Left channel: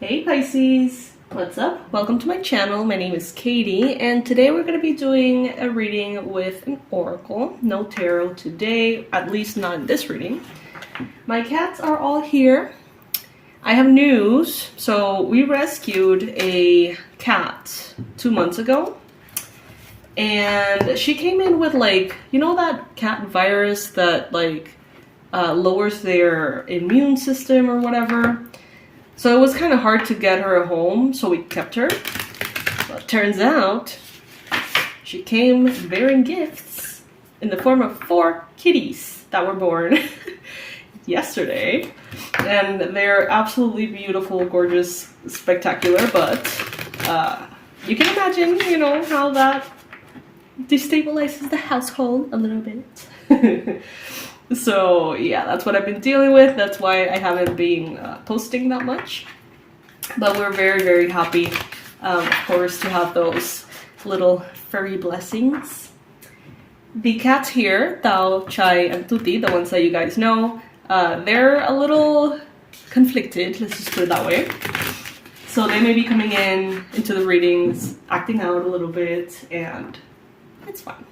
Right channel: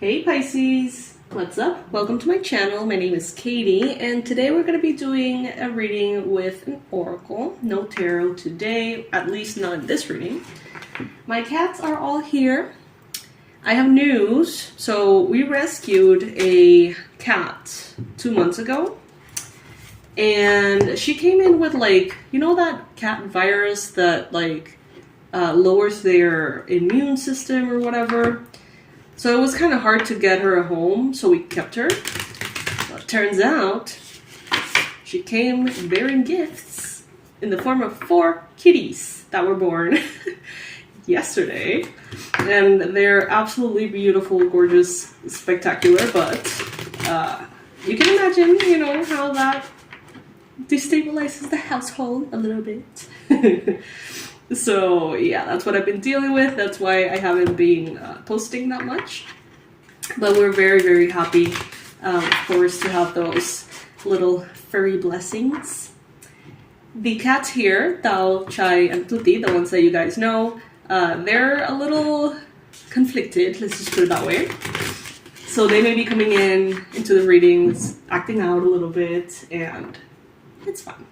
Hey Pisces, what's up? Welcome to my channel. My name is Katie, and today we're going to be doing a reading with an oracle. No tarot today, at least not in this reading. My cats are all here. I have news. So we rescued a cat 2 months ago, and she came in with that cat virus that lowers their immune system or whatever. So it was kind of hard to get her a home, so we kept her. But turns out, she came bearing gifts in the form of 4 kitties that were born yesterday. And they're absolutely beautiful, gorgeous, spectacular, but you can imagine, how that destabilizes the household a little bit. So yeah, that's what I've been dealing with. That's why I haven't been posting that much. But we're very, very happy, of course, to have those little furry blessings. The cats here, Tao, Chai, and Tuti, the ones that you guys know, they're a little conflicted, let's just put it that way. So they may be coming into the readings, acting out a little bit, and it's fun.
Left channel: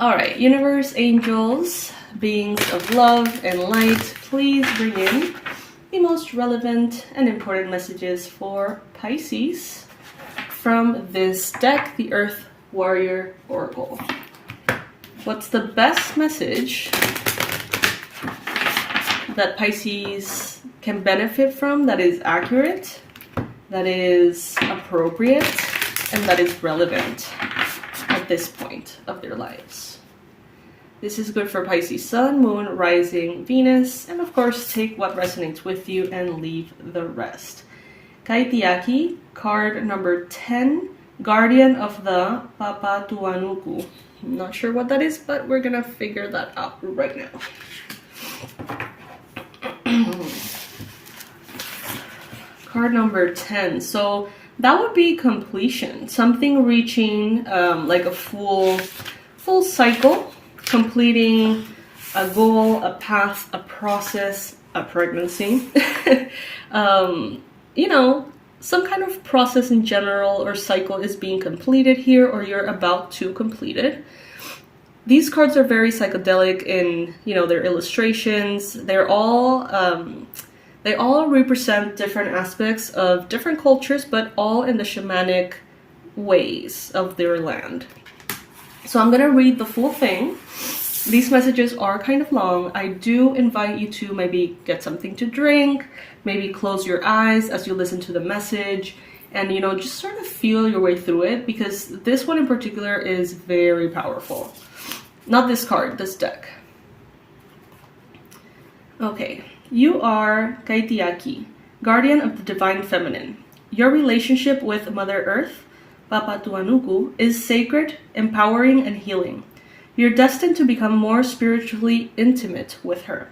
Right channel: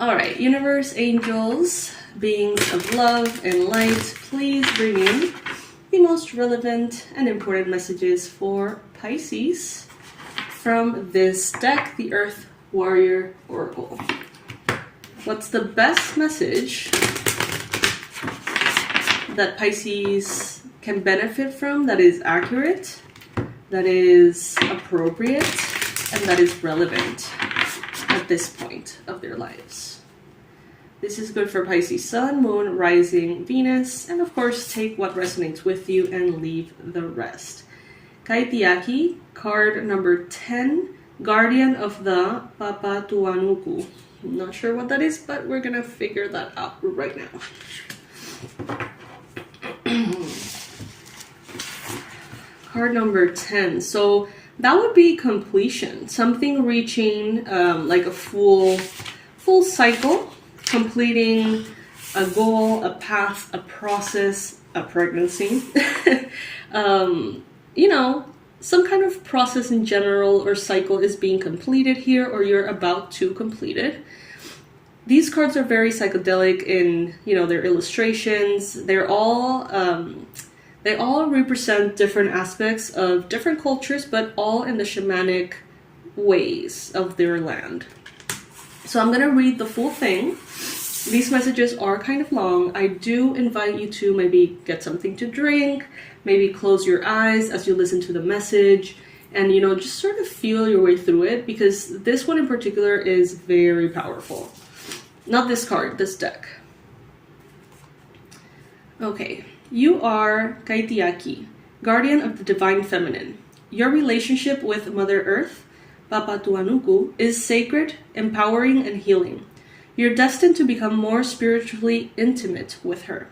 Alright, universe, angels, beings of love and light, please bring in the most relevant and important messages for Pisces from this deck, the Earth Warrior Oracle. What's the best message that Pisces can benefit from, that is accurate, that is appropriate, and that is relevant at this point of their lives? This is good for Pisces Sun, Moon, Rising, Venus, and of course take what resonates with you and leave the rest. 𝗖𝗢𝗨𝗥𝗦𝗘𝗦, card number 10, Guardian of the 𝗖𝗢𝗨𝗥𝗦𝗘𝗦. I'm not sure what that is, but we're gonna figure that out right now. Card number 10. So that would be completion. Something reaching like a full cycle. Completing a goal, a path, a process, a pregnancy. Some kind of process in general or cycle is being completed here, or you're about to complete it. These cards are very psychedelic in, their illustrations. They all represent different aspects of different cultures, but all in the shamanic ways of their land. So I'm going to read the full thing. These messages are kind of long. I do invite you to maybe get something to drink, maybe close your eyes as you listen to the message, and just sort of feel your way through it, because this one in particular is very powerful. Not this card, this deck. Okay, you are 𝗖𝗢𝗨𝗥𝗦𝗘𝗦, guardian of the divine feminine. Your relationship with Mother Earth, 𝗖𝗢𝗨𝗥𝗦𝗘𝗦, is sacred, empowering, and healing. You're destined to become more spiritually intimate with her,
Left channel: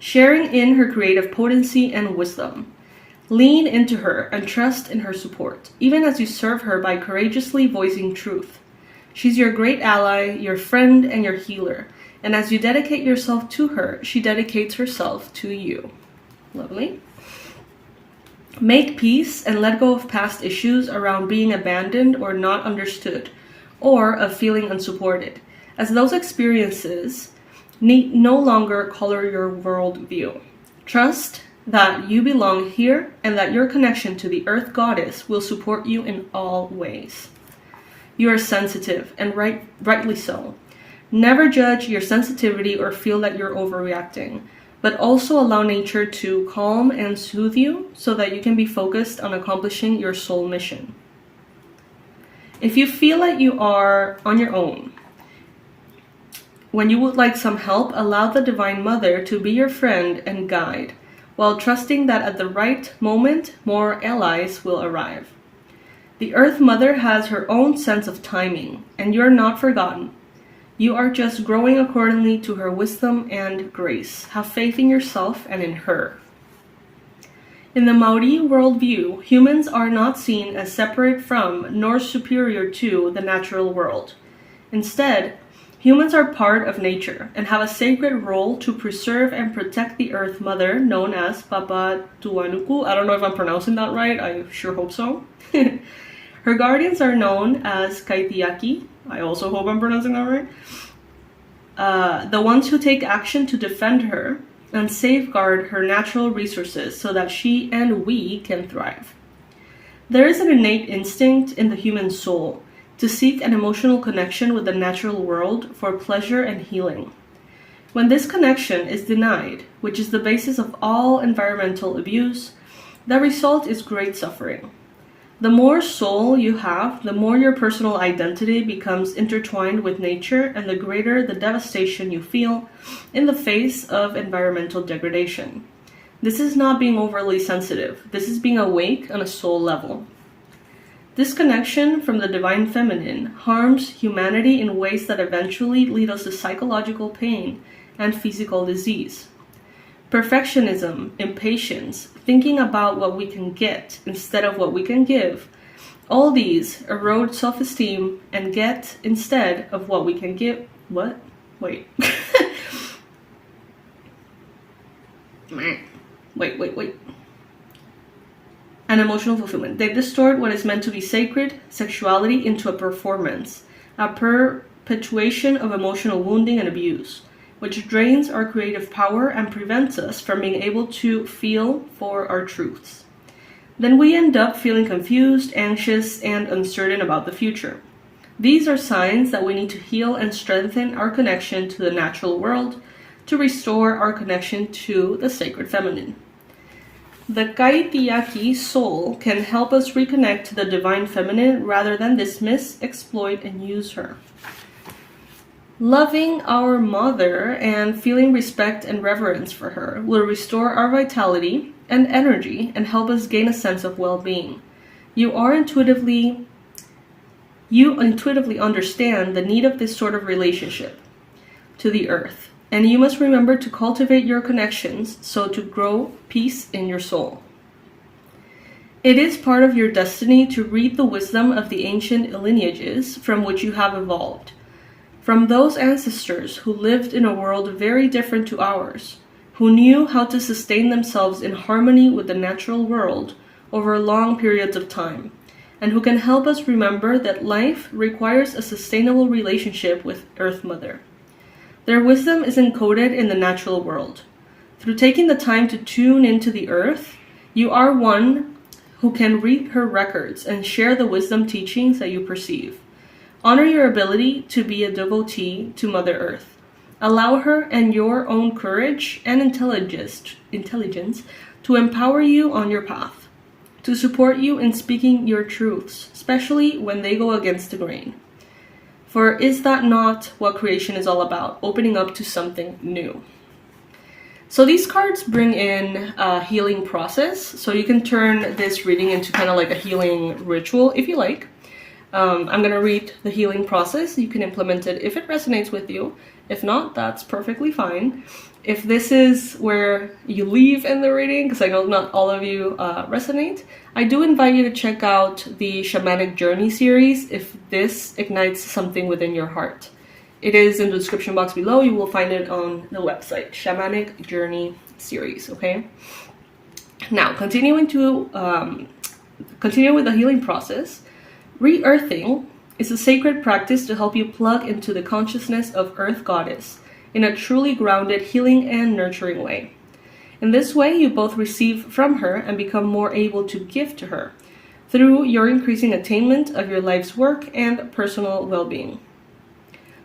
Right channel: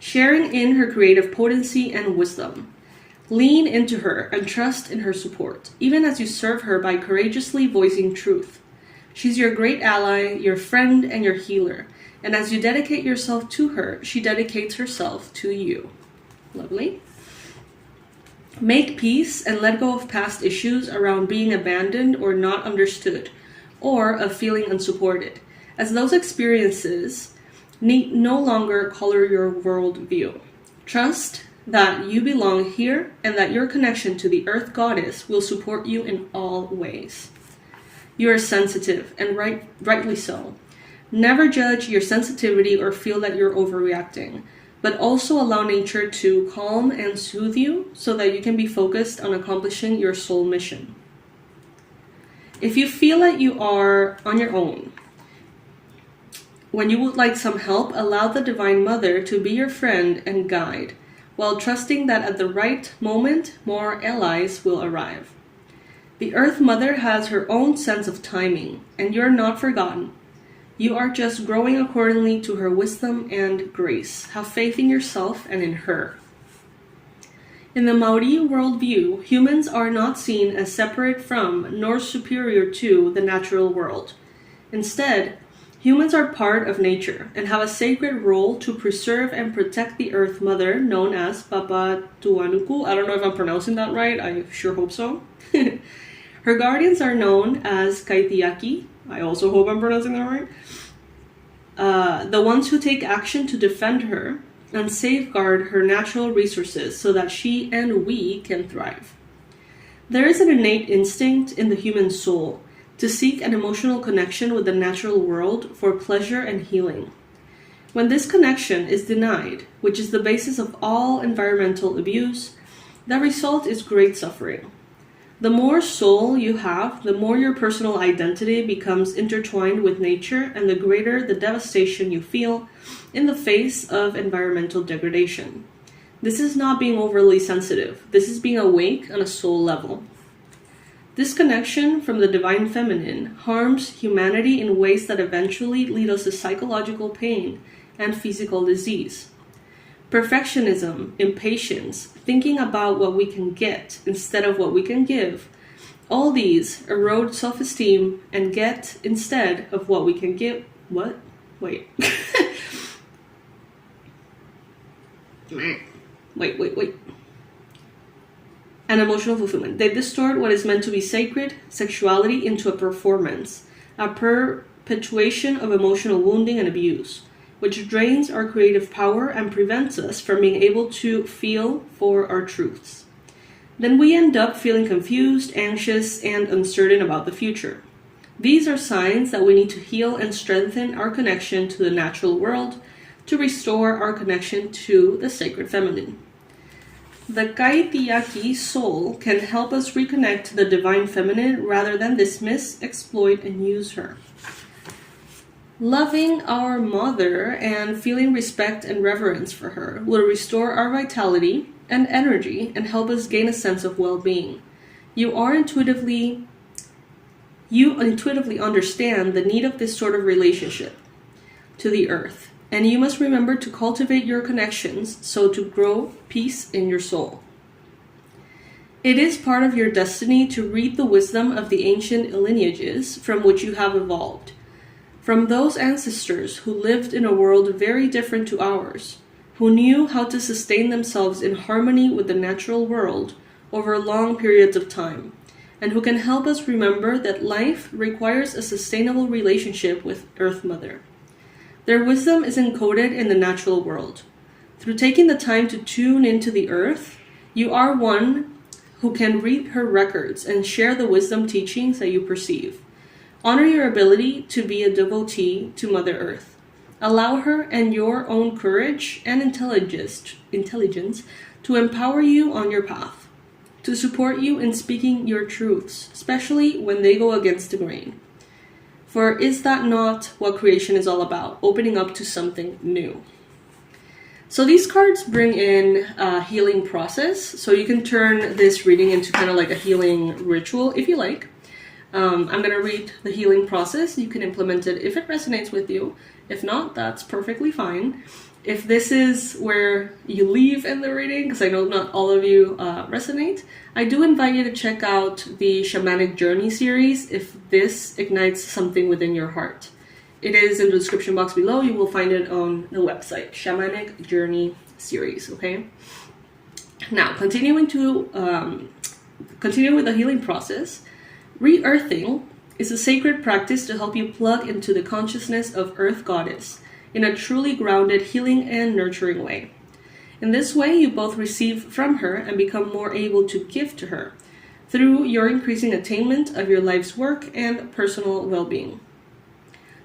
sharing in her creative potency and wisdom. Lean into her and trust in her support, even as you serve her by courageously voicing truth. She's your great ally, your friend, and your healer. And as you dedicate yourself to her, she dedicates herself to you. Lovely. Make peace and let go of past issues around being abandoned or not understood, or of feeling unsupported, as those experiences need no longer color your worldview. Trust that you belong here and that your connection to the Earth Goddess will support you in all ways. You are sensitive, and rightly so. Never judge your sensitivity or feel that you're overreacting, but also allow nature to calm and soothe you so that you can be focused on accomplishing your soul mission. If you feel like you are on your own, when you would like some help, allow the Divine Mother to be your friend and guide, while trusting that at the right moment, more allies will arrive. The Earth Mother has her own sense of timing, and you're not forgotten. You are just growing accordingly to her wisdom and grace. Have faith in yourself and in her. In the Maori worldview, humans are not seen as separate from nor superior to the natural world. Instead, Humans are part of nature and have a sacred role to preserve and protect the Earth Mother, known as 𝗖𝗢𝗨𝗥𝗦𝗘𝗦. I don't know if I'm pronouncing that right. I sure hope so. Her guardians are known as 𝗖𝗢𝗨𝗥𝗦𝗘𝗦. I also hope I'm pronouncing that right. The ones who take action to defend her and safeguard her natural resources so that she and we can thrive. There is an innate instinct in the human soul to seek an emotional connection with the natural world for pleasure and healing. When this connection is denied, which is the basis of all environmental abuse, the result is great suffering. The more soul you have, the more your personal identity becomes intertwined with nature, and the greater the devastation you feel in the face of environmental degradation. This is not being overly sensitive. This is being awake on a soul level. Disconnection from the divine feminine harms humanity in ways that eventually lead us to psychological pain and physical disease. Perfectionism, impatience, thinking about what we can get instead of what we can give, all these erode self-esteem and get instead of what we can give. What? Wait. Wait. And emotional fulfillment. They distort what is meant to be sacred, sexuality, into a performance, a perpetuation of emotional wounding and abuse, which drains our creative power and prevents us from being able to feel for our truths. Then we end up feeling confused, anxious, and uncertain about the future. These are signs that we need to heal and strengthen our connection to the natural world to restore our connection to the sacred feminine. The 𝗖𝗢𝗨𝗥𝗦𝗘𝗦 soul can help us reconnect to the divine feminine rather than dismiss, exploit, and use her. Loving our mother and feeling respect and reverence for her will restore our vitality and energy and help us gain a sense of well-being. You intuitively understand the need of this sort of relationship to the earth. And you must remember to cultivate your connections so to grow peace in your soul. It is part of your destiny to read the wisdom of the ancient lineages from which you have evolved, from those ancestors who lived in a world very different to ours, who knew how to sustain themselves in harmony with the natural world over long periods of time, and who can help us remember that life requires a sustainable relationship with Earth Mother. Their wisdom is encoded in the natural world. Through taking the time to tune into the earth, you are one who can read her records and share the wisdom teachings that you perceive. Honor your ability to be a devotee to Mother Earth. Allow her and your own courage and intelligence to empower you on your path, to support you in speaking your truths, especially when they go against the grain. For is that not what creation is all about? Opening up to something new. So these cards bring in a healing process. So you can turn this reading into kind of like a healing ritual if you like. I'm going to read the healing process. You can implement it if it resonates with you. If not, that's perfectly fine. If this is where you leave in the reading, because I know not all of you resonate, I do invite you to check out the Shamanic Journey series if this ignites something within your heart. It is in the description box below. You will find it on the website, Shamanic Journey series, okay? Now, continue with the healing process. Re-earthing is a sacred practice to help you plug into the consciousness of Earth Goddess in a truly grounded, healing, and nurturing way. In this way, you both receive from her and become more able to give to her through your increasing attainment of your life's work and personal well-being.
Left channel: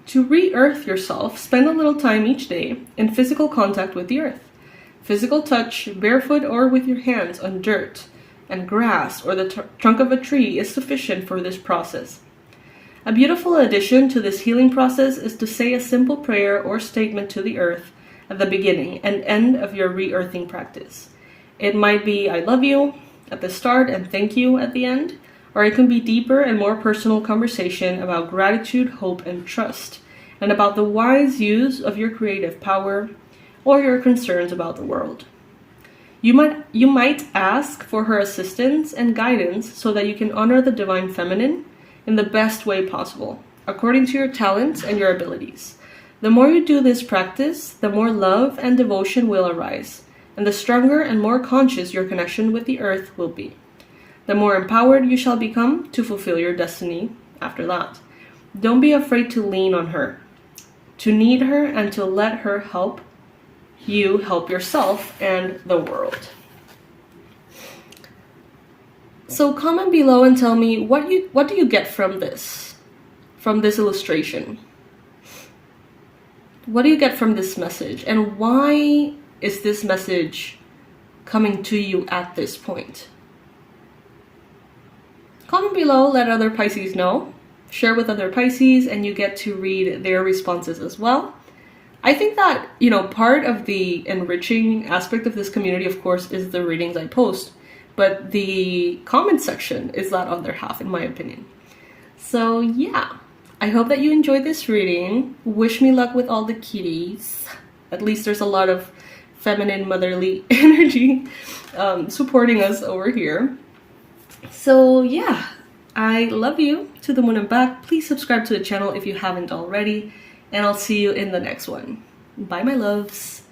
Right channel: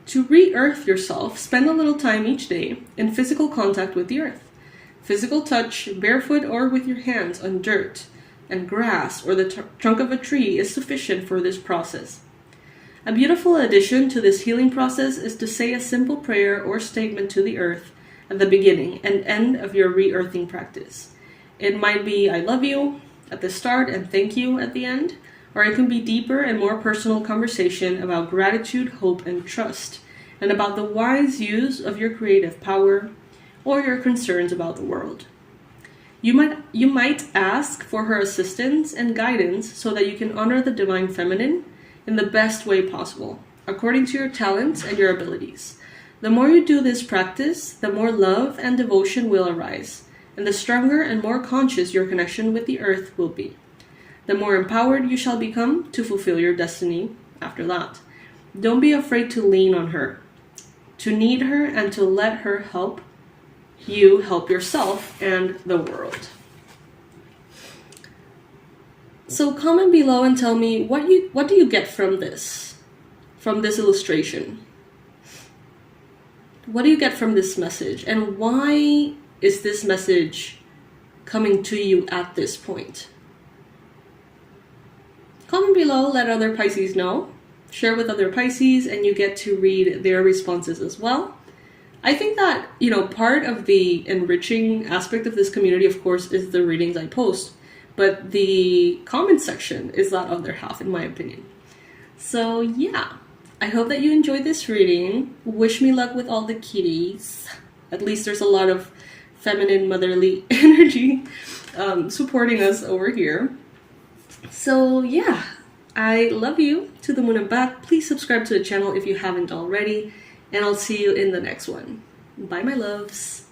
To re-earth yourself, spend a little time each day in physical contact with the earth. Physical touch, barefoot or with your hands on dirt and grass or the trunk of a tree is sufficient for this process. A beautiful addition to this healing process is to say a simple prayer or statement to the earth at the beginning and end of your re-earthing practice. It might be I love you at the start and thank you at the end, or it can be deeper and more personal conversation about gratitude, hope, and trust, and about the wise use of your creative power or your concerns about the world. You might ask for her assistance and guidance so that you can honor the divine feminine in the best way possible. according to your talents and your abilities. The more you do this practice, the more love and devotion will arise, and the stronger and more conscious your connection with the earth will be. The more empowered you shall become to fulfill your destiny after that. Don't be afraid to lean on her, to need her, and to let her help you help yourself and the world. So comment below and tell me what do you get from this illustration? What do you get from this message? And why is this message coming to you at this point? Comment below, let other Pisces know. Share with other Pisces, and you get to read their responses as well. I think that, part of the enriching aspect of this community, of course, is the readings I post. But the comment section is that other half, in my opinion. So yeah, I hope that you enjoyed this reading. Wish me luck with all the kitties. At least there's a lot of feminine motherly energy supporting us over here. So yeah, I love you to the moon and back. Please subscribe to the channel if you haven't already. And I'll see you in the next one. Bye, my loves.